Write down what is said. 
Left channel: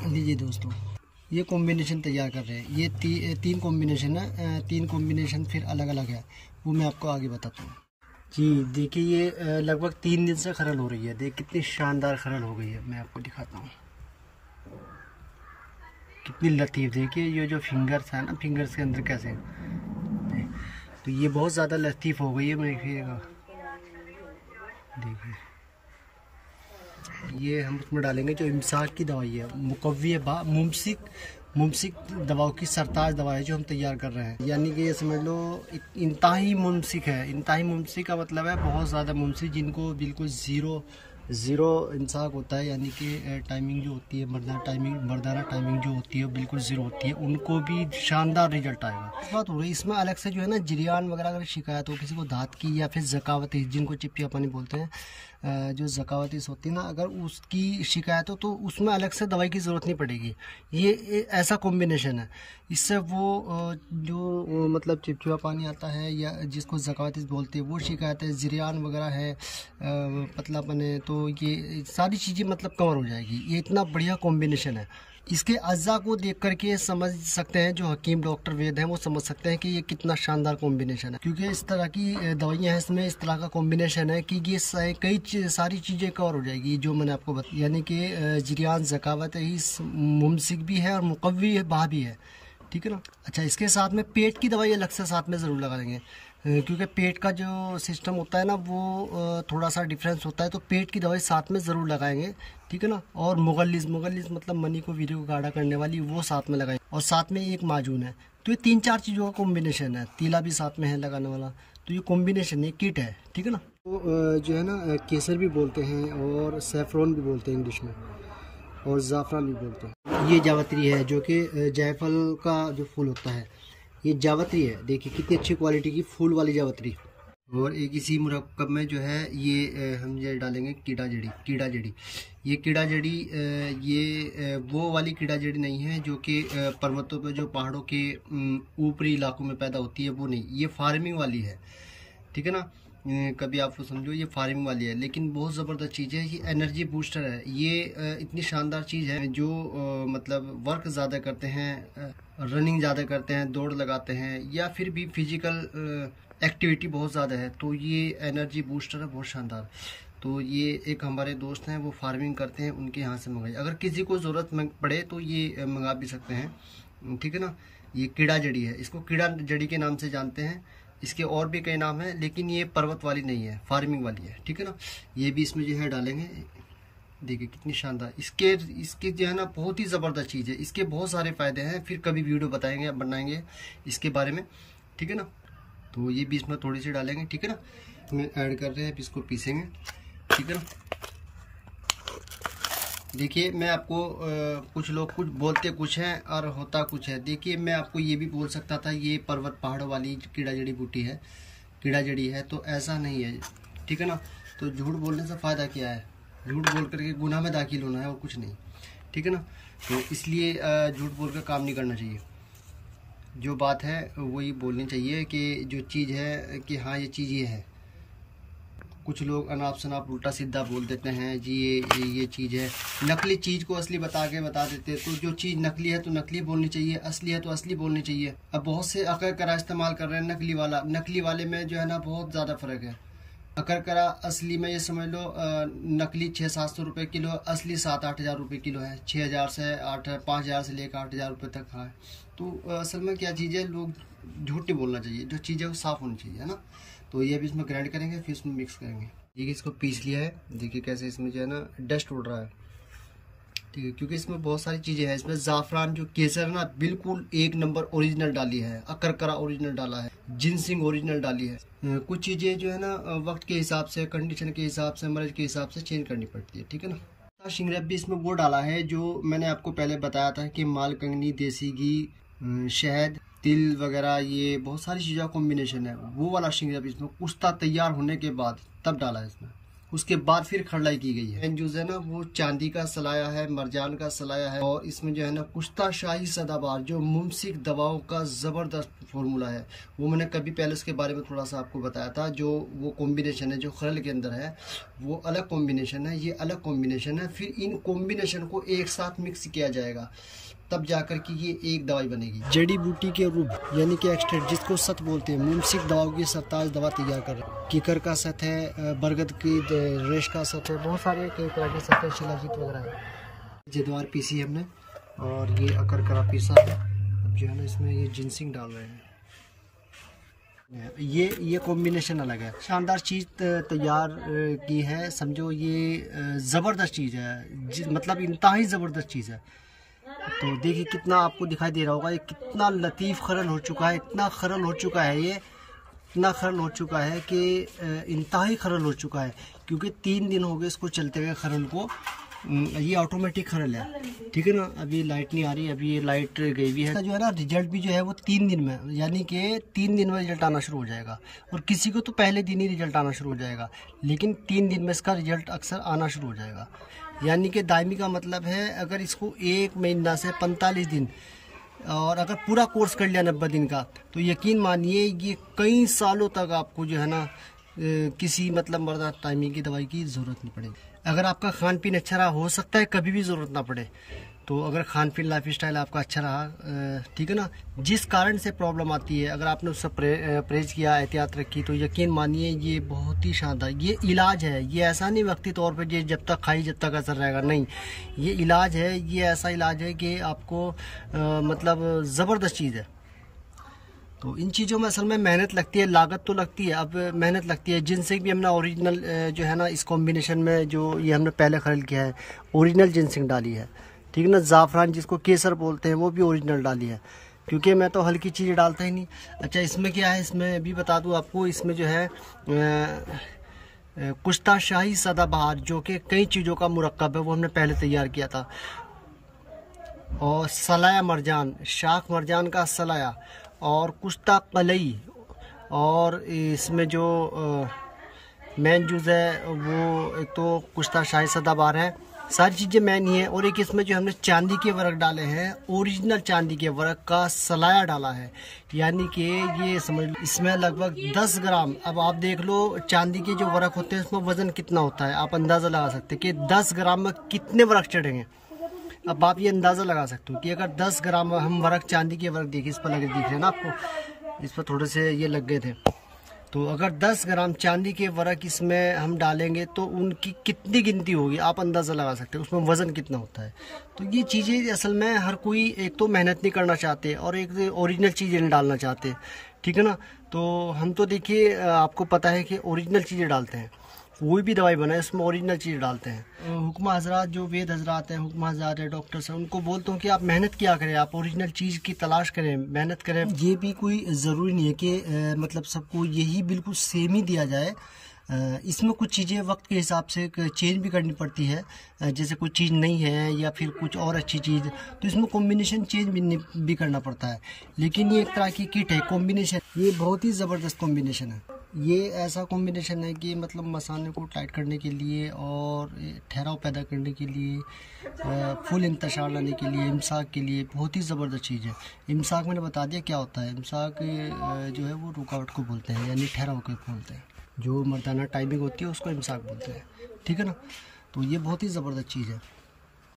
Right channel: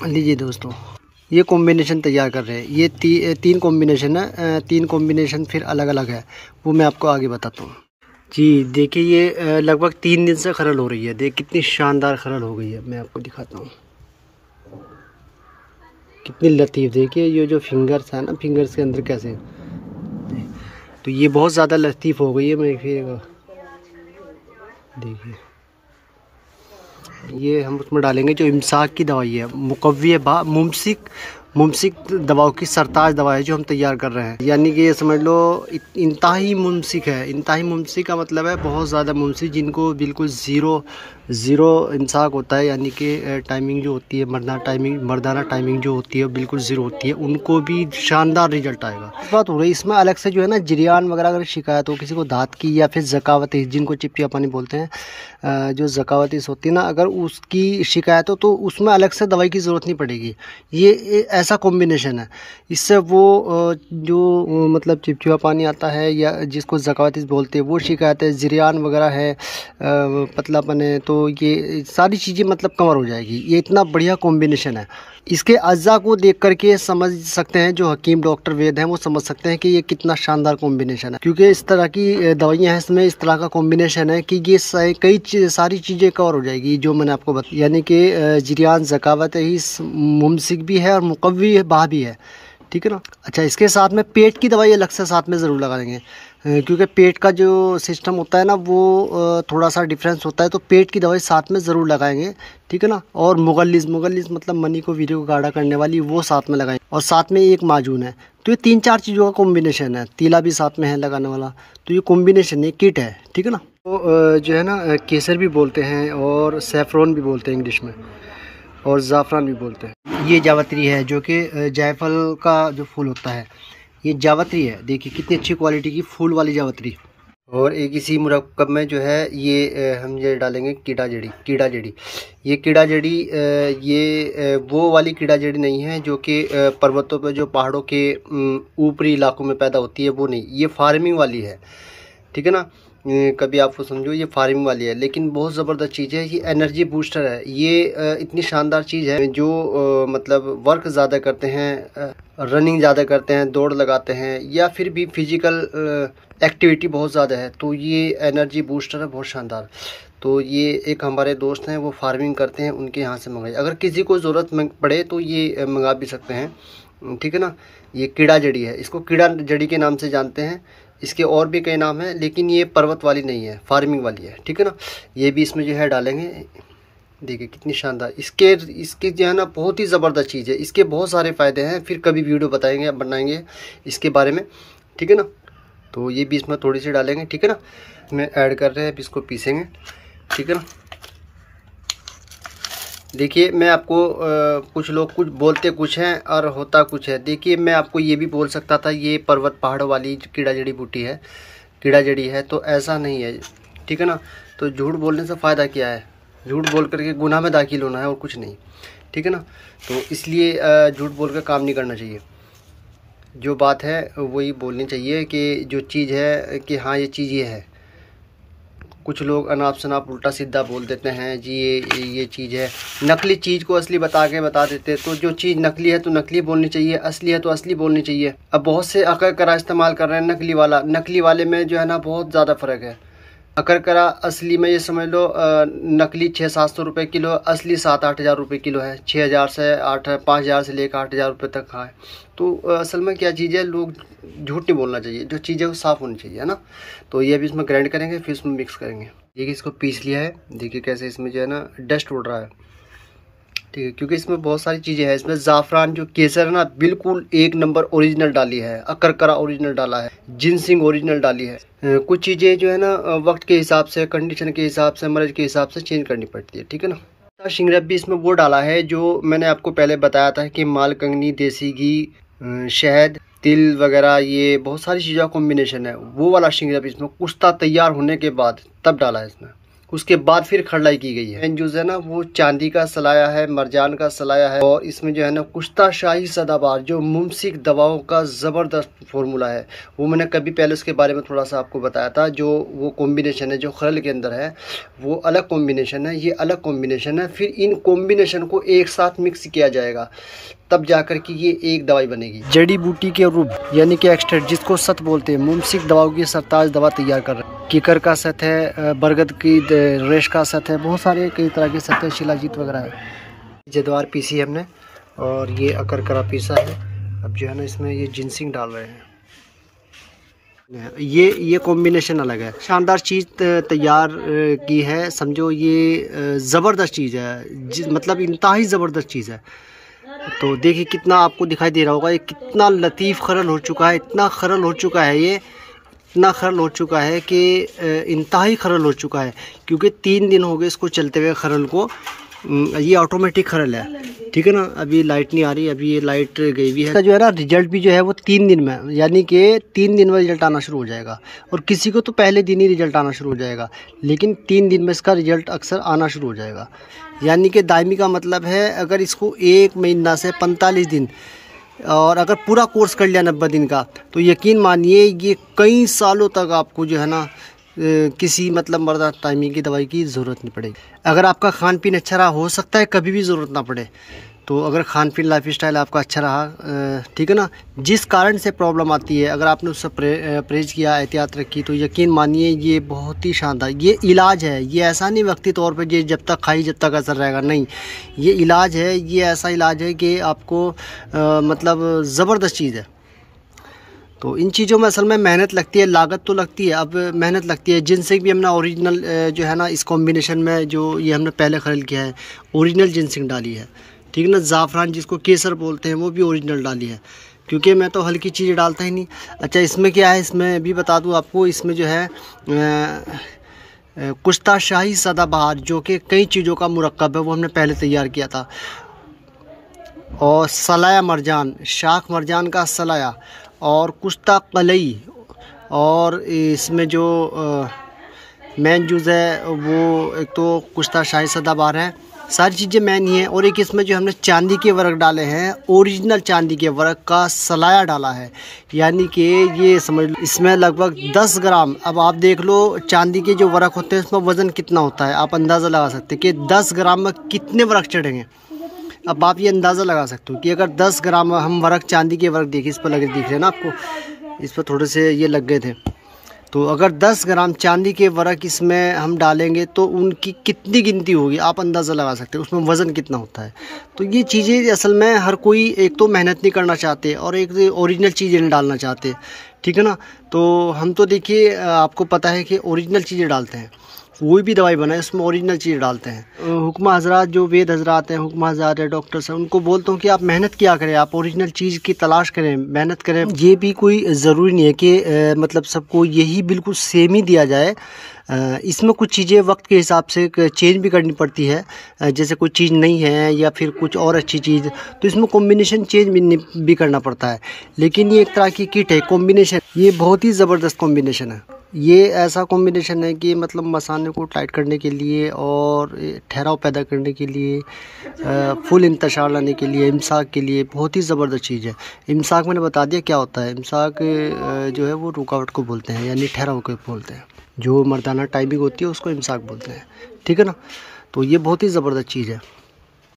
लीजिए दोस्तों, ये कॉम्बिनेशन तैयार कर रहे हैं। ये तीन कॉम्बिनेशन है, तीन कॉम्बिनेशन फिर अलग अलग है, वो मैं आपको आगे बताता हूँ। जी देखिए, ये लगभग 3 दिन से खरल हो रही है। देख कितनी शानदार खरल हो गई है, मैं आपको दिखाता हूँ। कितनी लतीफ़, देखिए ये जो फिंगर्स है ना, फिंगर्स के अंदर कैसे, तो ये बहुत ज़्यादा लतीफ़ हो गई है। मैं फिर देखिए, ये हम उसमें डालेंगे जो इमसाक की दवाई है, मुकव्वी बा मुमसिक मुमसिक दवाओं की सरताज दवा है जो हम तैयार कर रहे हैं। यानी कि ये समझ लो इंतहाई मुमसिक है। इंतहाई मुमसिक का मतलब है बहुत ज़्यादा मुमसिक, जिनको बिल्कुल ज़ीरो इमसाक होता है, यानी कि टाइमिंग जो होती है, मर्दाना टाइमिंग जो होती है बिल्कुल ज़ीरो होती है, उनको भी शानदार रिजल्ट आएगा। इस बात हो रही इसमें अलग से जो है ना, जरियान वगैरह अगर शिकायत हो किसी को दाँत की या फिर ज़कावतीस, जिनको चिपचिपा पानी बोलते हैं, जो ज़कावतीस होती है ना, अगर उसकी शिकायत हो तो उसमें अलग से दवाई की ज़रूरत नहीं पड़ेगी। ये ऐसा कॉम्बिनेशन है, इससे वो जो मतलब चिपचिपा पानी आता है या जिसको ज़कावतीस बोलते हैं वो शिकायत है, ज़रियान वगैरह है, पतलापन है, तो ये सारी चीज़ें मतलब कवर हो जाएगी। ये इतना बढ़िया कॉम्बिनेशन है। इसके अज्जा को देख करके समझ सकते हैं, जो हकीम डॉक्टर वैद हैं वो समझ सकते हैं कि ये कितना शानदार कॉम्बिनेशन है, क्योंकि इस तरह की दवाइयाँ हैं, इसमें इस तरह का कॉम्बिनेशन है कि ये सारी चीज़ें कवर हो जाएगी जो मैंने आपको बताया। यानी कि जरियान, ज़कावत है, मुमसिक भी है और मुकव्वी बा भी है, ठीक है ना। अच्छा, इसके साथ में पेट की दवाई अलग से साथ में ज़रूर लगा देंगे, क्योंकि पेट का जो सिस्टम होता है ना वो थोड़ा सा डिफरेंस होता है, तो पेट की दवाई साथ में ज़रूर लगाएंगे, ठीक है ना। और मुगल्लिस मतलब मनी को, वीर्य को गाढ़ा करने वाली, वो साथ में लगाएंगे, और साथ में एक माजून है। तो ये 3-4 चीज़ों का कॉम्बिनेशन है। तीला भी साथ में है लगाने वाला, तो ये कॉम्बिनेशन, ये किट है, ठीक है ना। तो जो है ना, केसर भी बोलते हैं और सैफरॉन भी बोलते हैं इंग्लिश में, और ज़ाफ़रान भी बोलते हैं। ये जावित्री है, जो कि जायफल का जो फूल होता है, ये जावित्री है। देखिए कितनी अच्छी क्वालिटी की फूल वाली जावित्री। और एक इसी मुरक्कब में जो है ये हम ये डालेंगे कीड़ा जड़ी। ये कीड़ा जड़ी वो वाली कीड़ा जड़ी नहीं है जो कि पर्वतों पे, जो पहाड़ों के ऊपरी इलाकों में पैदा होती है, वो नहीं, ये फार्मिंग वाली है, ठीक है ना। कभी आपको समझो, ये फार्मिंग वाली है, लेकिन बहुत ज़बरदस्त चीज़ है। ये एनर्जी बूस्टर है। ये इतनी शानदार चीज़ है, जो मतलब वर्क ज़्यादा करते हैं, रनिंग ज़्यादा करते हैं, दौड़ लगाते हैं, या फिर भी फिजिकल एक्टिविटी बहुत ज़्यादा है, तो ये एनर्जी बूस्टर है, बहुत शानदार। तो ये एक हमारे दोस्त हैं, वो फार्मिंग करते हैं, उनके यहाँ से मंगाई। अगर किसी को ज़रूरत पड़े तो ये मंगा भी सकते हैं, ठीक है ना। ये कीड़ा जड़ी है, इसको कीड़ा जड़ी के नाम से जानते हैं। इसके और भी कई नाम हैं, लेकिन ये पर्वत वाली नहीं है, फार्मिंग वाली है, ठीक है ना। ये भी इसमें जो है डालेंगे। देखिए कितनी शानदार, इसके जो है ना, बहुत ही ज़बरदस्त चीज़ है। इसके बहुत सारे फ़ायदे हैं, फिर कभी वीडियो बनाएंगे इसके बारे में, ठीक है ना। तो ये भी इसमें थोड़ी सी डालेंगे, ठीक है ना। मैं ऐड कर रहे हैं, अब इसको पीसेंगे, ठीक है ना। देखिए मैं आपको कुछ लोग कुछ बोलते कुछ हैं और होता कुछ है। देखिए मैं आपको ये भी बोल सकता था ये पर्वत पहाड़ों वाली कीड़ा जड़ी बूटी है, कीड़ा जड़ी है, तो ऐसा नहीं है, ठीक है ना। तो झूठ बोलने से फ़ायदा क्या है, झूठ बोल करके गुनाह में दाखिल होना है और कुछ नहीं, ठीक है ना। तो इसलिए झूठ बोल कर काम नहीं करना चाहिए। जो बात है वही बोलनी चाहिए कि जो चीज़ है कि हाँ ये चीज़ ये है। कुछ लोग अनाप शनाप उल्टा सीधा बोल देते हैं जी, ये चीज़ है, नकली चीज़ को असली बता देते। तो जो चीज़ नकली है तो नकली बोलनी चाहिए, असली है तो असली बोलनी चाहिए। अब बहुत से अकरकरा इस्तेमाल कर रहे हैं, नकली वाले में जो है ना बहुत ज़्यादा फ़र्क है। अकरकरा असली में ये समझ लो नकली 600-700 रुपये किलो, असली 7-8 हज़ार रुपये किलो है। 6,000 से 5,000 से लेकर 8,000 रुपये तक है। तो असल में क्या चीज़ है, लोग झूठ नहीं बोलना चाहिए, जो चीज़ है वो साफ़ होनी चाहिए, है ना। तो ये भी इसमें ग्राइंड करेंगे, फिर इसमें मिक्स करेंगे। देखिए इसको पीस लिया है, देखिए कैसे इसमें जो है ना डस्ट उड़ रहा है, ठीक है, क्योंकि इसमें बहुत सारी चीज़ें हैं। इसमें ज़ाफ़रान जो केसर है ना, बिल्कुल 1 नंबर ओरिजिनल डाली है, अकरकरा ओरिजिनल डाला है, जिनसिंग ओरिजिनल डाली है। कुछ चीज़ें जो है ना वक्त के हिसाब से, कंडीशन के हिसाब से, मर्ज के हिसाब से चेंज करनी पड़ती है, ठीक है ना। शिंगरब भी इसमें वो डाला है जो मैंने आपको पहले बताया था कि मालकंगनी, देसी घी, शहद, तिल वगैरह, ये बहुत सारी चीज़ों का कॉम्बिनेशन है। वो वाला शिंगरब इसमें कुश्ता तैयार होने के बाद तब डाला है इसमें, उसके बाद फिर खरलाई की गई है। जो है ना वो चांदी का सलाया है, मरजान का सलाया है, और इसमें जो है ना कुश्ता शाही सदाबहार जो मुमसिक दवाओं का ज़बरदस्त फार्मूला है, वो मैंने कभी पहले उसके बारे में थोड़ा सा आपको बताया था। जो वो कॉम्बिनेशन है जो खरल के अंदर है वो अलग कॉम्बिनेशन है, ये अलग कॉम्बिनेशन है। फिर इन कॉम्बिनेशन को एक साथ मिक्स किया जाएगा, तब जाकर कि ये एक दवाई बनेगी। जड़ी बूटी के रूप यानी कि एक्सट्रैक्ट, जिसको सत बोलते हैं, मुमसिक दवाओं की सरताज दवा तैयार कर रहे हैं। कीकर का सत है, बरगद की रेश का सत है, बहुत सारे कई तरह के सत है, शिलाजीत वगैरह है। जद्वार पीसी हमने और ये अकरकरा पीसा है। अब जो है ना इसमें ये जिनसिंग डाल रहे हैं। ये कॉम्बिनेशन अलग है, शानदार चीज़ तैयार की है, समझो ये ज़बरदस्त चीज़ है, मतलब इंतहाई ज़बरदस्त चीज़ है। तो देखिए कितना आपको दिखाई दे रहा होगा, ये कितना लतीफ़ खरल हो चुका है, इतना खरल हो चुका है, ये इतना खरल हो चुका है कि इंतहाई खरल हो चुका है, क्योंकि 3 दिन हो गए इसको चलते हुए खरल को। ये ऑटोमेटिक खरल है, ठीक है ना। अभी लाइट नहीं आ रही, अभी ये लाइट गई हुई है। इसका जो है ना रिजल्ट भी जो है वो 3 दिन में, यानी कि 3 दिन में रिजल्ट आना शुरू हो जाएगा, और किसी को तो पहले दिन ही रिजल्ट आना शुरू हो जाएगा, लेकिन 3 दिन में इसका रिजल्ट अक्सर आना शुरू हो जाएगा। यानी कि दायमी का मतलब है अगर इसको 1 महीना से 45 दिन, और अगर पूरा कोर्स कर लिया 90 दिन का, तो यकीन मानिए ये कई सालों तक आपको जो है ना किसी मतलब मर्दा टाइमिंग की दवाई की ज़रूरत नहीं पड़ेगी। अगर आपका खान पीन अच्छा रहा, हो सकता है कभी भी ज़रूरत ना पड़े। तो अगर खान पीन लाइफ स्टाइल आपका अच्छा रहा, ठीक है ना, जिस कारण से प्रॉब्लम आती है, अगर आपने उससे परहेज किया, एहतियात रखी, तो यकीन मानिए ये बहुत ही शानदार ये इलाज है। ये ऐसा नहीं वक्ती तौर पे ये जब तक खाई जब तक असर रहेगा, नहीं, ये इलाज है। ये ऐसा इलाज है कि आपको मतलब ज़बरदस्त चीज़ है। तो इन चीज़ों में असल में मेहनत लगती है, लागत तो लगती है, अब मेहनत लगती है। जिनसिंग भी हमने ओरिजिनल जो है ना इस कॉम्बिनेशन में जो ये हमने पहले खरीद किया है, ओरिजिनल जिनसिंग डाली है, ठीक है ना। ज़ाफ़रान जिसको केसर बोलते हैं वो भी ओरिजिनल डाली है, क्योंकि मैं तो हल्की चीज़ें डालता ही नहीं। अच्छा, इसमें क्या है, इसमें भी बता दूँ आपको, इसमें जो है कुश्ता शाही सदाबहार जो कि कई चीज़ों का मुरक्कब है, वो हमने पहले तैयार किया था, और सलाया मरजान, शाख मरजान का सलाया, और कुश्ता कलई, और इसमें जो मेन जूज़ है वो एक तो कुश्ता शाही सदाबहार है, सारी चीज़ें मेन ही हैं। और एक इसमें जो हमने चांदी के वर्क डाले हैं, ओरिजिनल चांदी के वर्क का सलाया डाला है, यानी कि ये समझ लो इसमें लगभग 10 ग्राम। अब आप देख लो चांदी के जो वर्क होते हैं उसमें वज़न कितना होता है, आप अंदाज़ा लगा सकते हैं कि 10 ग्राम में कितने वर्क चढ़ेंगे। अब आप ये अंदाज़ा लगा सकते हो कि अगर 10 ग्राम हम वर्क, चांदी के वर्क देखिए, इस पर लगे दिख रहे हैं ना आपको, इस पर थोड़े से ये लग गए थे, तो अगर 10 ग्राम चांदी के वर्क इसमें हम डालेंगे तो उनकी कितनी गिनती होगी, आप अंदाज़ा लगा सकते हैं उसमें वज़न कितना होता है। तो ये चीज़ें असल में हर कोई एक तो मेहनत नहीं करना चाहते, और एक ओरिजिनल चीज़ें नहीं डालना चाहते, ठीक है ना। तो हम तो देखिए आपको पता है कि ओरिजिनल चीज़ें डालते हैं, कोई भी दवाई बनाए उसमें ओरिजिनल चीज़ डालते हैं। हुक्मा हजरात जो वेद हजरात हैं, हुक्मा हजरात है, डॉक्टर्स हैं, उनको बोलता हूँ कि आप मेहनत किया करें, आप ओरिजिनल चीज़ की तलाश करें, मेहनत करें। ये भी कोई ज़रूरी नहीं है कि मतलब सबको यही बिल्कुल सेम ही दिया जाए। इसमें कुछ चीज़ें वक्त के हिसाब से चेंज भी करनी पड़ती है, जैसे कोई चीज़ नहीं है या फिर कुछ और अच्छी चीज़, तो इसमें कॉम्बिनेशन चेंज भी करना पड़ता है। लेकिन ये एक तरह की किट है, कॉम्बिनेशन, ये बहुत ही ज़बरदस्त कॉम्बिनेशन है। ये ऐसा कॉम्बिनेशन है कि मतलब मसाने को टाइट करने के लिए और ठहराव पैदा करने के लिए, फुल इंतशार लाने के लिए, इमसाक के लिए बहुत ही ज़बरदस्त चीज़ है। इमसाक मैंने बता दिया क्या होता है। इमसाक जो है वो रुकावट को बोलते हैं, यानी ठहराव को बोलते हैं। जो मर्दाना टाइमिंग होती है उसको इमसाक बोलते हैं, ठीक है ना। तो ये बहुत ही ज़बरदस्त चीज़ है।